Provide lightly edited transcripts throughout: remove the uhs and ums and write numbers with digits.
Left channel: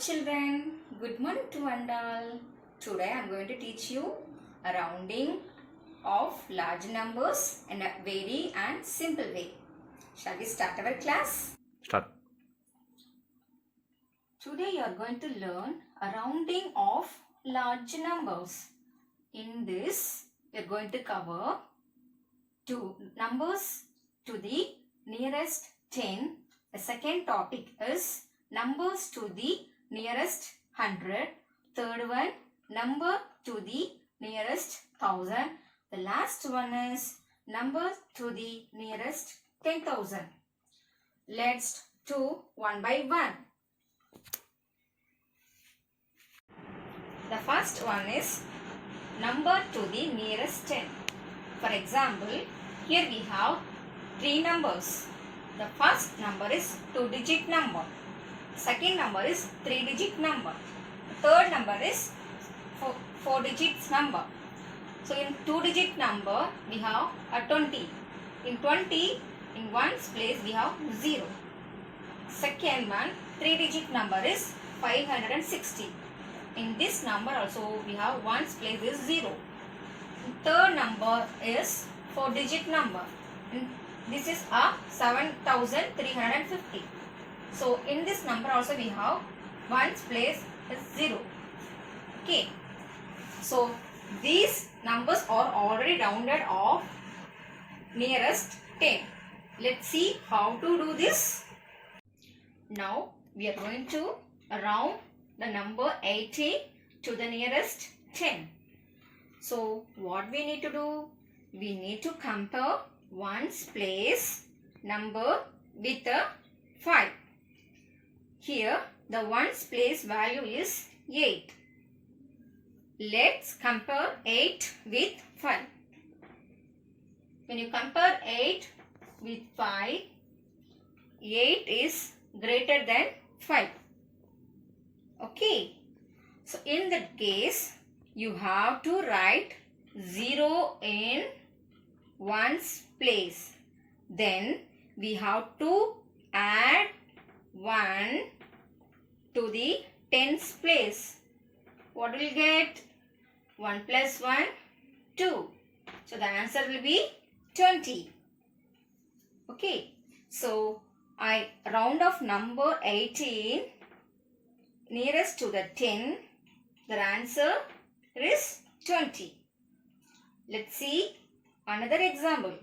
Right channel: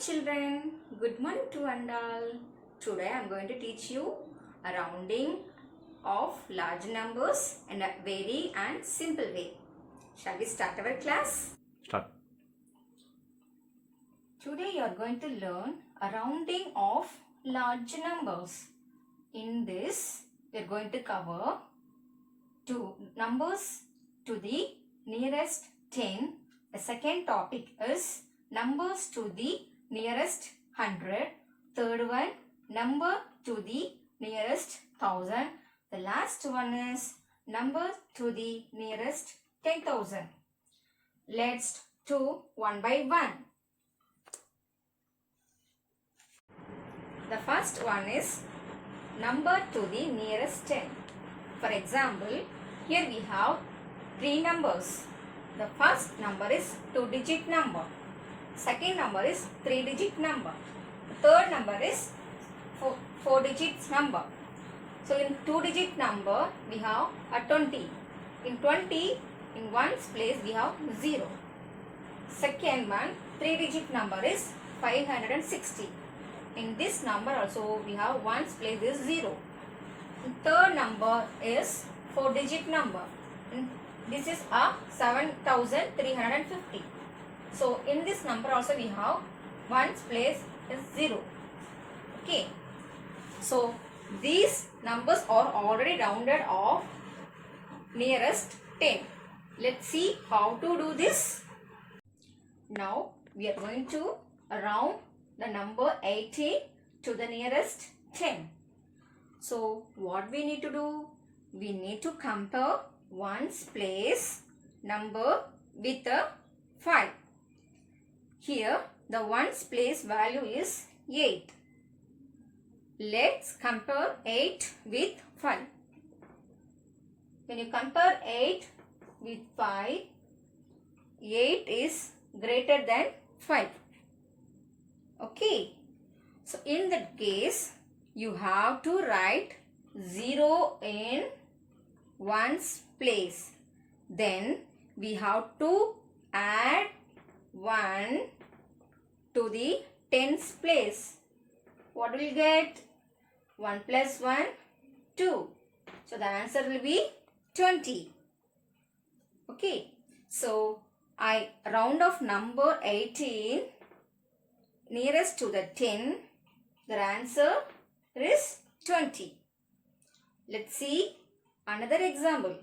children, good morning to one all. Today I am going to teach you a rounding of large numbers in a very and simple way. Shall we start our class? Start. Today you are going to learn a rounding of large numbers. In this we are going to cover two numbers to the nearest 10. The second topic is numbers to the nearest 100. Third one, number to the nearest 1000. The last one is number to the nearest 10,000. Let's do one by one. The first one is number to the nearest 10. For example, here we have three numbers. The first number is 2-digit number. Second number is 3-digit number. Third number is 4-digit number. So in 2-digit number we have a 20. In 20, in ones place we have 0. Second one, 3-digit number is 560. In this number also we have ones place is 0. Third number is 4-digit number. This is a 7350. So in this number also we have ones place is 0. Okay. So these numbers are already rounded off nearest 10. Let's see how to do this. Now we are going to round the number 80 to the nearest 10. So what we need to do? We need to compare ones place number with a 5. Here the ones place value is 8. Let's compare 8 with 5. When you compare 8 with 5, 8 is greater than 5. Okay. So in that case, you have to write 0 in ones place. Then we have to add 1 to the tens place. What will get? 1 plus 1, 2. So the answer will be 20. Okay. So I round off number 18 nearest to the 10. The answer is 20. Let's see another example.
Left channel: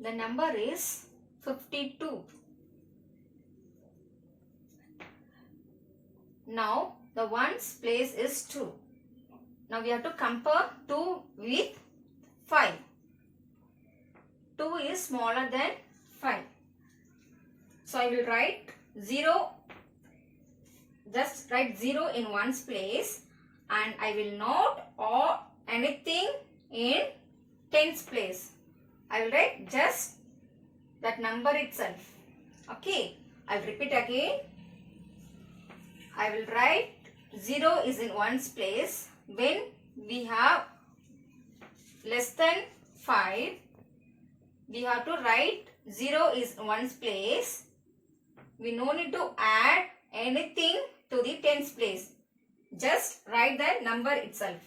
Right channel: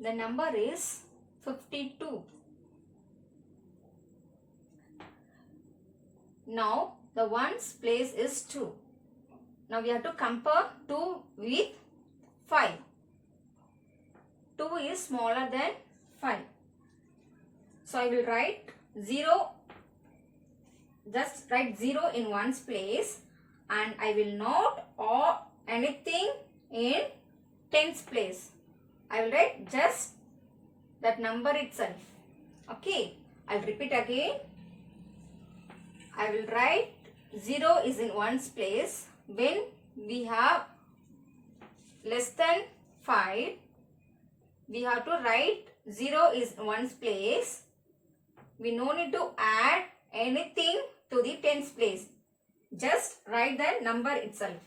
The number is 52. Now the ones place is 2. Now we have to compare 2 with 5. 2 is smaller than 5. So I will write 0. Just write 0 in ones place and I will not or anything in tens place. I will write just that number itself. Okay. I will repeat again. I will write 0 is in ones place. When we have less than 5, we have to write 0 is ones place. We no need to add anything to the tens place. Just write the number itself.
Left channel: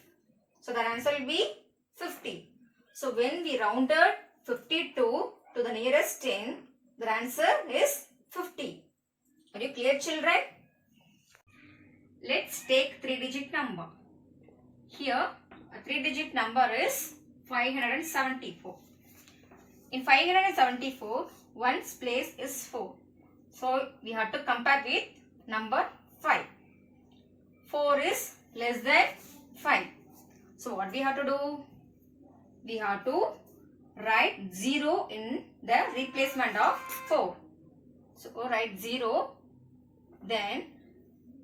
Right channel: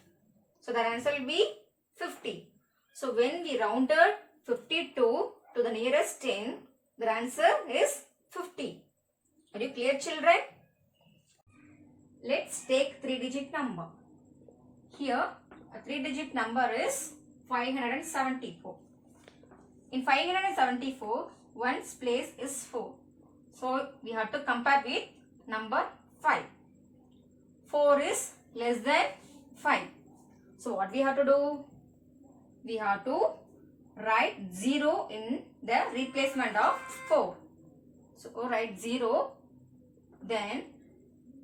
So the answer will be 50. So when we rounded 52 to the nearest 10, the answer is 50. Are you clear, children? Let's take 3-digit number. Here a 3-digit number is 574. In 574, ones place is 4. So we have to compare with number 5. 4 is less than 5. So what we have to do? We have to write 0 in the replacement of 4. So write 0. Then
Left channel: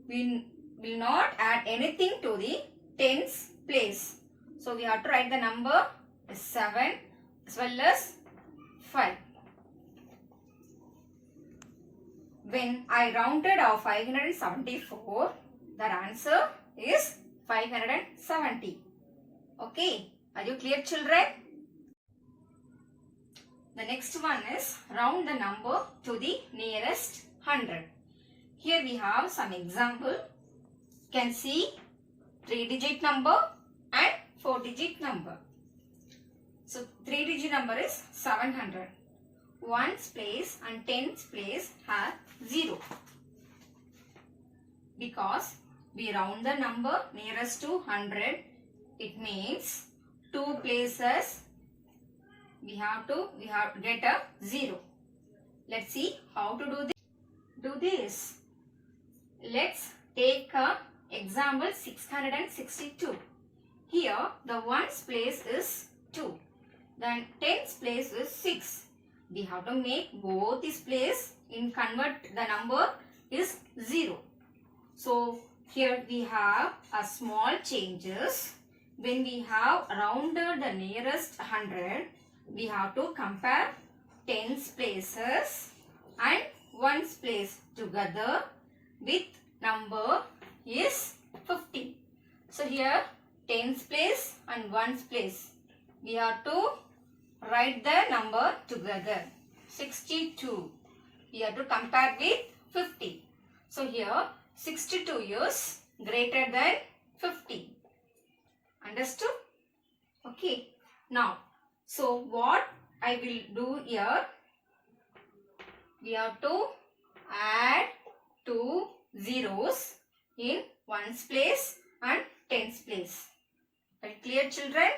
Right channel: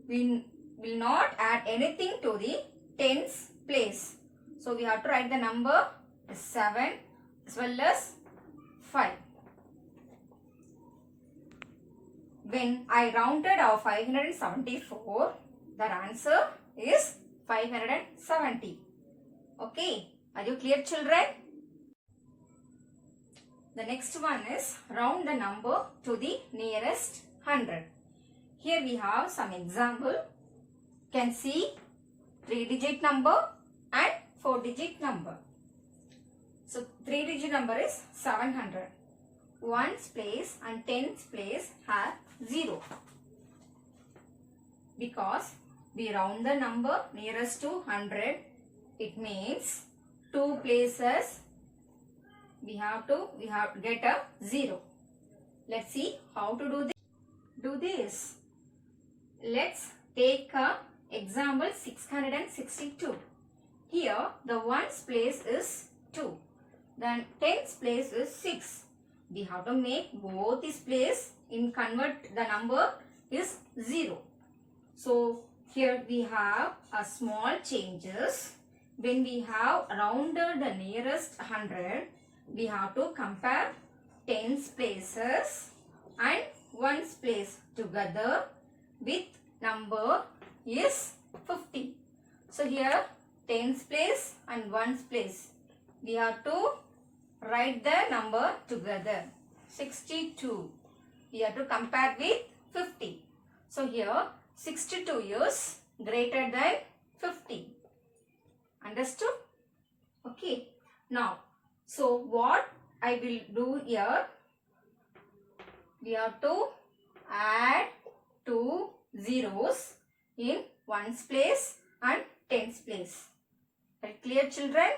we will not add anything to the tens place. So we have to write the number 7 as well as 5. When I rounded off 574, the answer is 570. Okay. Are you clear, children? The next one is round the number to the nearest 100. Here we have some example. You can see 3-digit number and 4-digit number. So 3-digit number is 700. Ones place and tens place have 0. Because we round the number nearest to 100, it means 2 places we have to get a 0. Let's see how to do this. Let's take a example 662. Here the ones place is 2. Then tens place is 6. We have to make both this place in convert the number is 0. So here we have a small changes. When we have rounded the nearest 100, we have to compare tens places and ones place together with number is 50. So here tens place and ones place. We have to write the number together. 62. We have to compare with 50. So here 62 is greater than 50. Understood? Okay. Now, so what I will do here, we have to add 2 zeros in ones place and tens place. Right, clear children?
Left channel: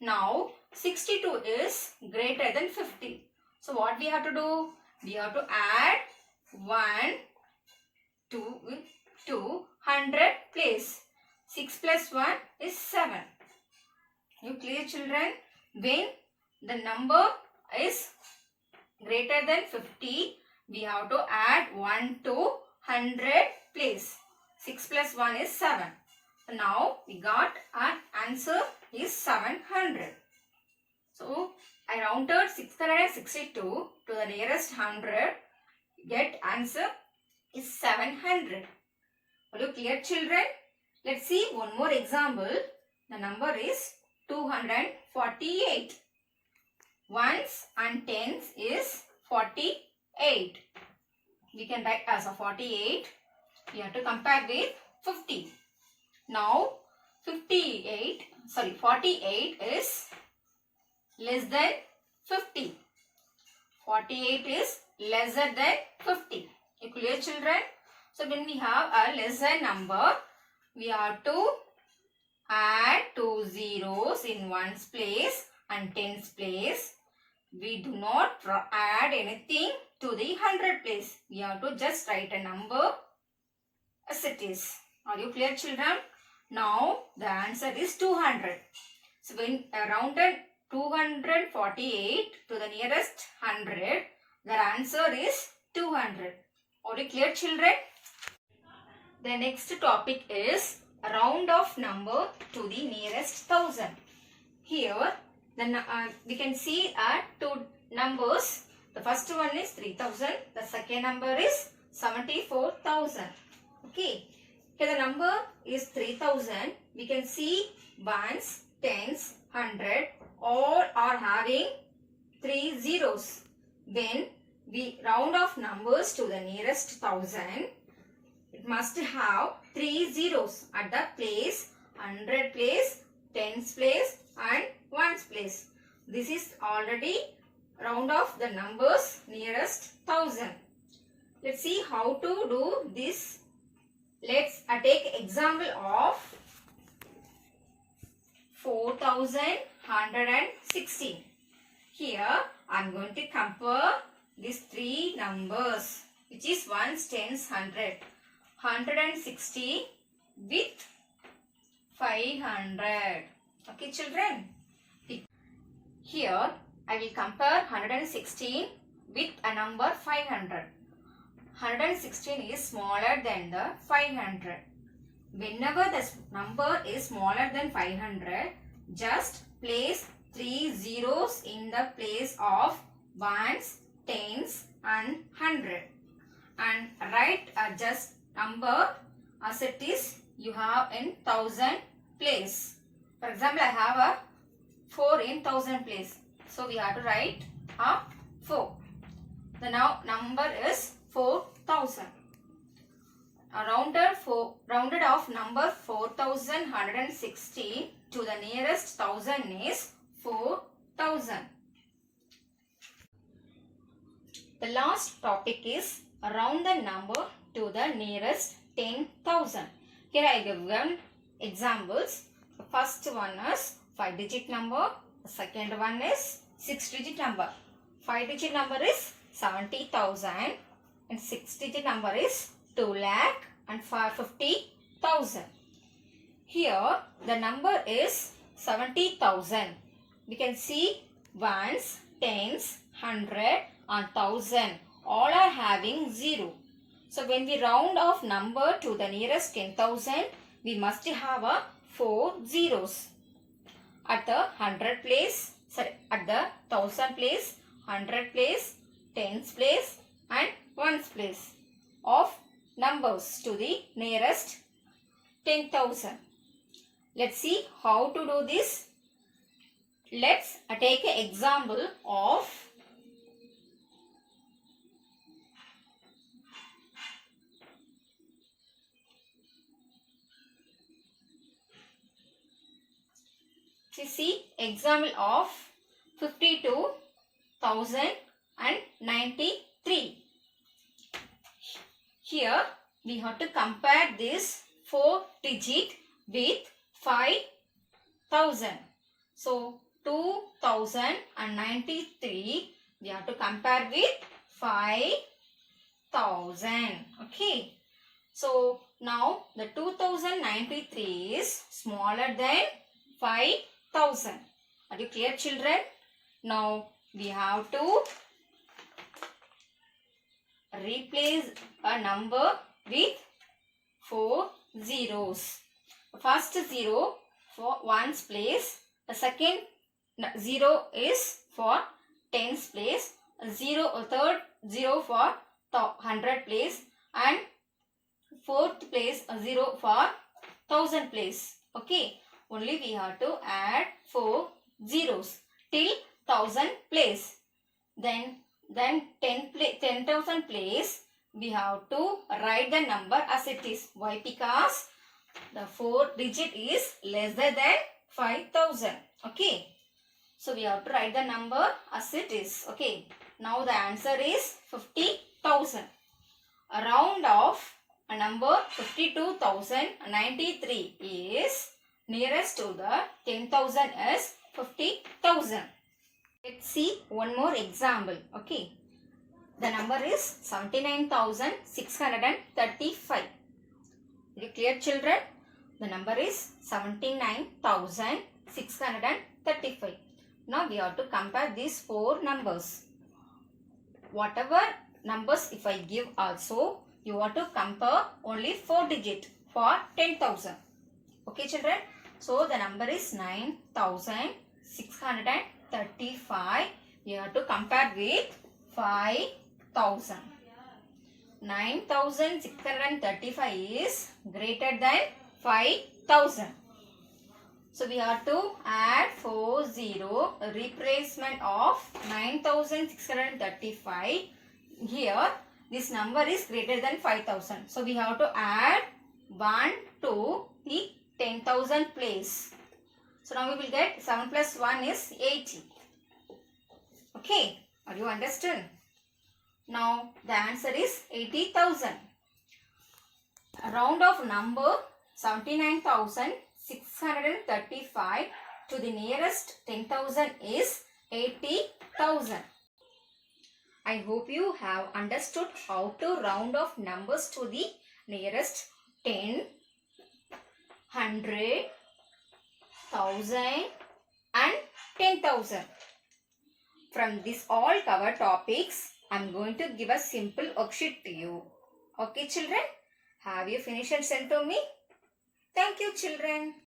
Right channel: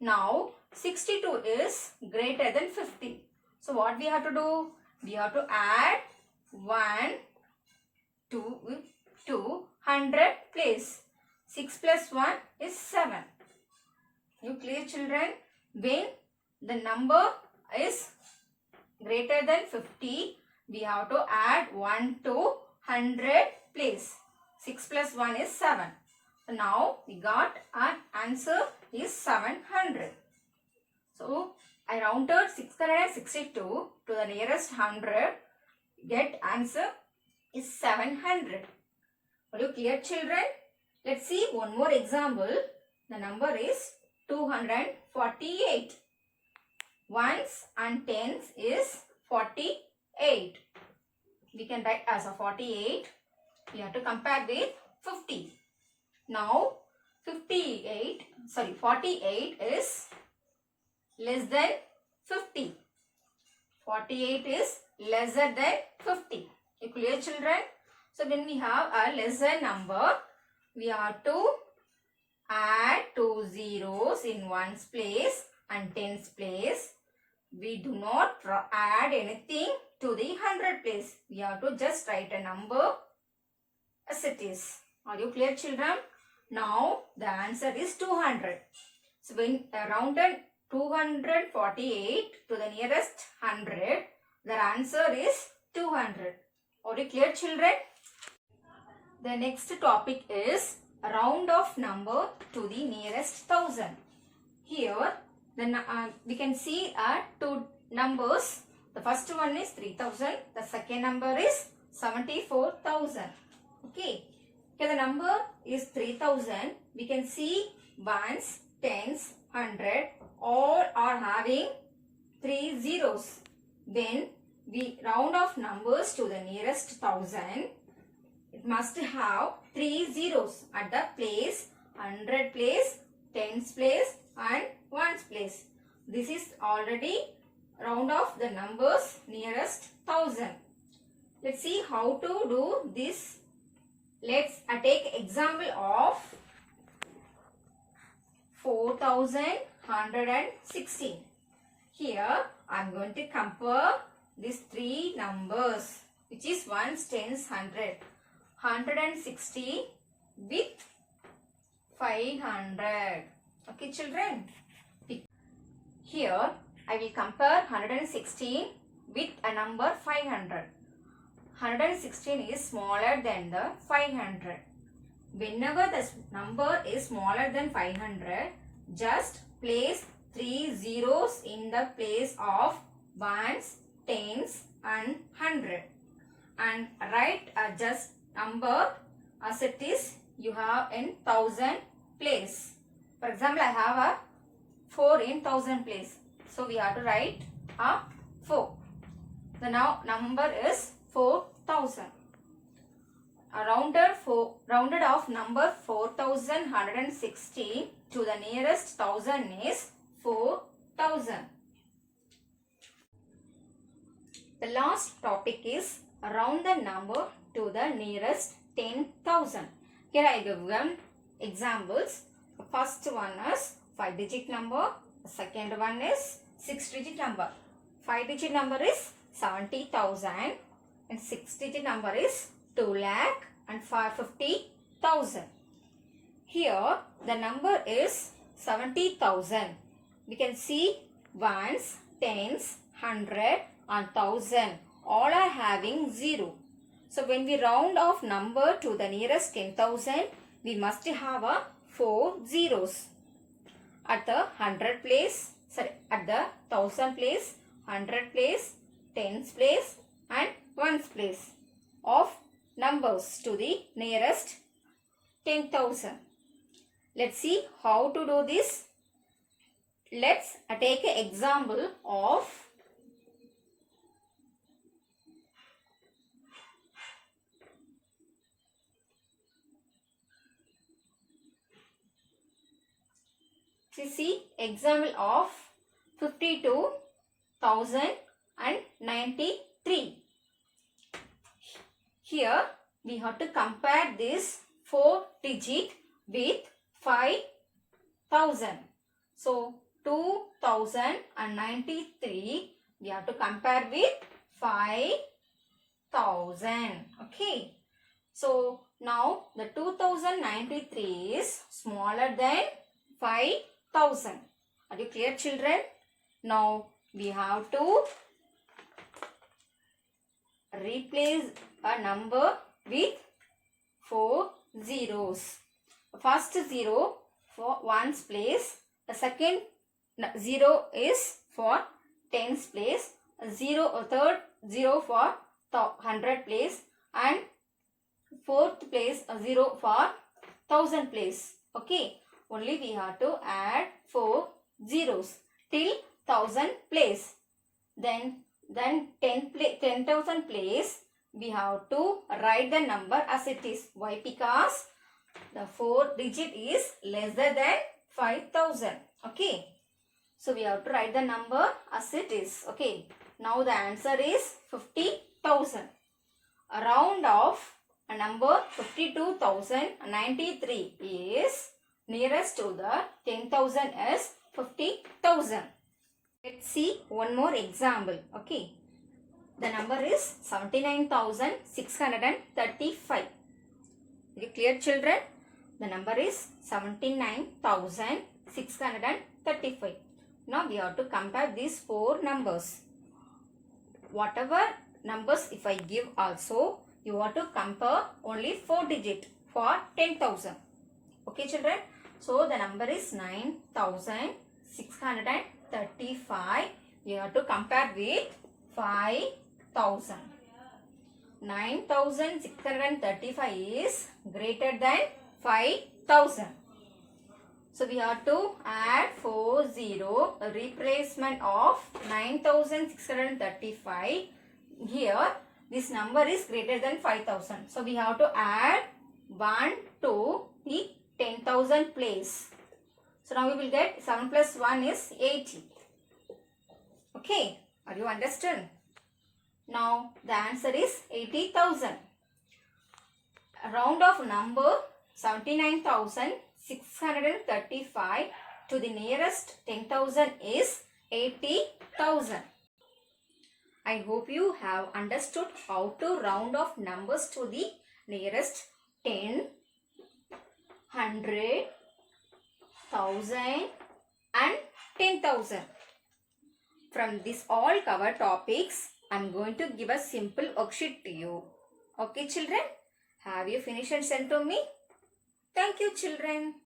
Now 62 is greater than 50. So what we have to do? We have to add 1 to 100 place. 6 plus 1 is 7. You clear children? When the number is greater than 50, we have to add 1 to 100 place. 6 plus 1 is 7. So now we got an answer is 700. So I rounded 662 to the nearest 100. Get answer is 700. Are you clear children? Let's see one more example. The number is 248. Ones and tens is 48. We can write as a 48. We have to compare with 50. Now 48 is less than 50. 48 is lesser than 50. You clear children? So when we have a lesser number, we have to add 2 zeros in ones place and tens place. We do not add anything to the 100 place. We have to just write a number as it is. Are you clear children? Now the answer is 200. So when rounded 248 to the nearest 100, the answer is 200. Are you clear children? The next topic is round off number to the nearest 1000. Here we can see two numbers. The first one is 3000. The second number is 74,000. Okay. Here the number is 3000. We can see ones, tens, 100 all are having 3 zeros. When we round off numbers to the nearest 1000, it must have 3 zeros at the place 100 place, tens place and ones place. This is already round off the numbers nearest 1000. Let's see how to do this. Let's take example of 4116. Here I am going to compare these three numbers, which is ones, tens, 100. 160 with 500. Okay children. Here I will compare 116 with a number 500. 116 is smaller than the 500. Whenever the number is smaller than 500, just place 3 zeros in the place of ones, tens and 100 and write just number as it is you have in 1000 place. For example, I have a 4 in 1000 place. So we have to write a 4. The now number is 4000. rounded off number 4116 to the nearest thousand is 4000. The last topic is round the number to the nearest 10,000. Here I give one examples. The first one is 5-digit number. The second one is 6-digit number. 5-digit number is 70,000 and 6-digit number is 2 lakh and 50,000. Here the number is 70,000. We can see ones, tens, 100 and 1000 all are having 0. So when we round off number to the nearest 10,000, we must have a 4 zeros. At the 100 place, at the 1000 place, 100 place, tens place and ones place of numbers to the nearest 10,000. Let's see how to do this. Let's take an example of example of 52,093. Here we have to compare this 4 digit with 5,000. So 2093 we have to compare with 5,000. Okay. So now the 2093 is smaller than 5,000. Are you clear, children? Now we have to replace a number with 4 zeros. The first 0 for ones place. The second 0 is for tens place. A third 0 for 100 place. And fourth place 0 for 1000 place. Okay. Only we have to add 4 zeros till 1000 place. Then 10,000 place we have to write the number as it is. Why? Because the 4 digit is lesser than 5,000. Okay. So we have to write the number as it is. Okay. Now the answer is 50,000. A round of a number 52,093 is nearest to the 10,000 is 50,000. Let's see one more example. Okay. The number is 79,635. Is it clear, children? The number is 79,635. Now we have to compare these 4 numbers. Whatever numbers if I give also, you have to compare only 4 digit for 10,000. Okay, children? So the number is 9,635. We have to compare with 5,000. 9,635 is greater than 5,000. So we have to add 40, a replacement of 9,635. Here this number is greater than 5,000. So we have to add 1 to the 10,000 place. So now we will get 7 plus 1 is 80. Okay. Are you understood? Now the answer is 80,000. A round of number 79,635 to the nearest 10,000 is 80,000. I hope you have understood how to round off numbers to the nearest 10, 100, 1000 and 10,000. From this all cover topics, I am going to give a simple worksheet to you. Okay, children? Have you finished and sent to me? Thank you, children.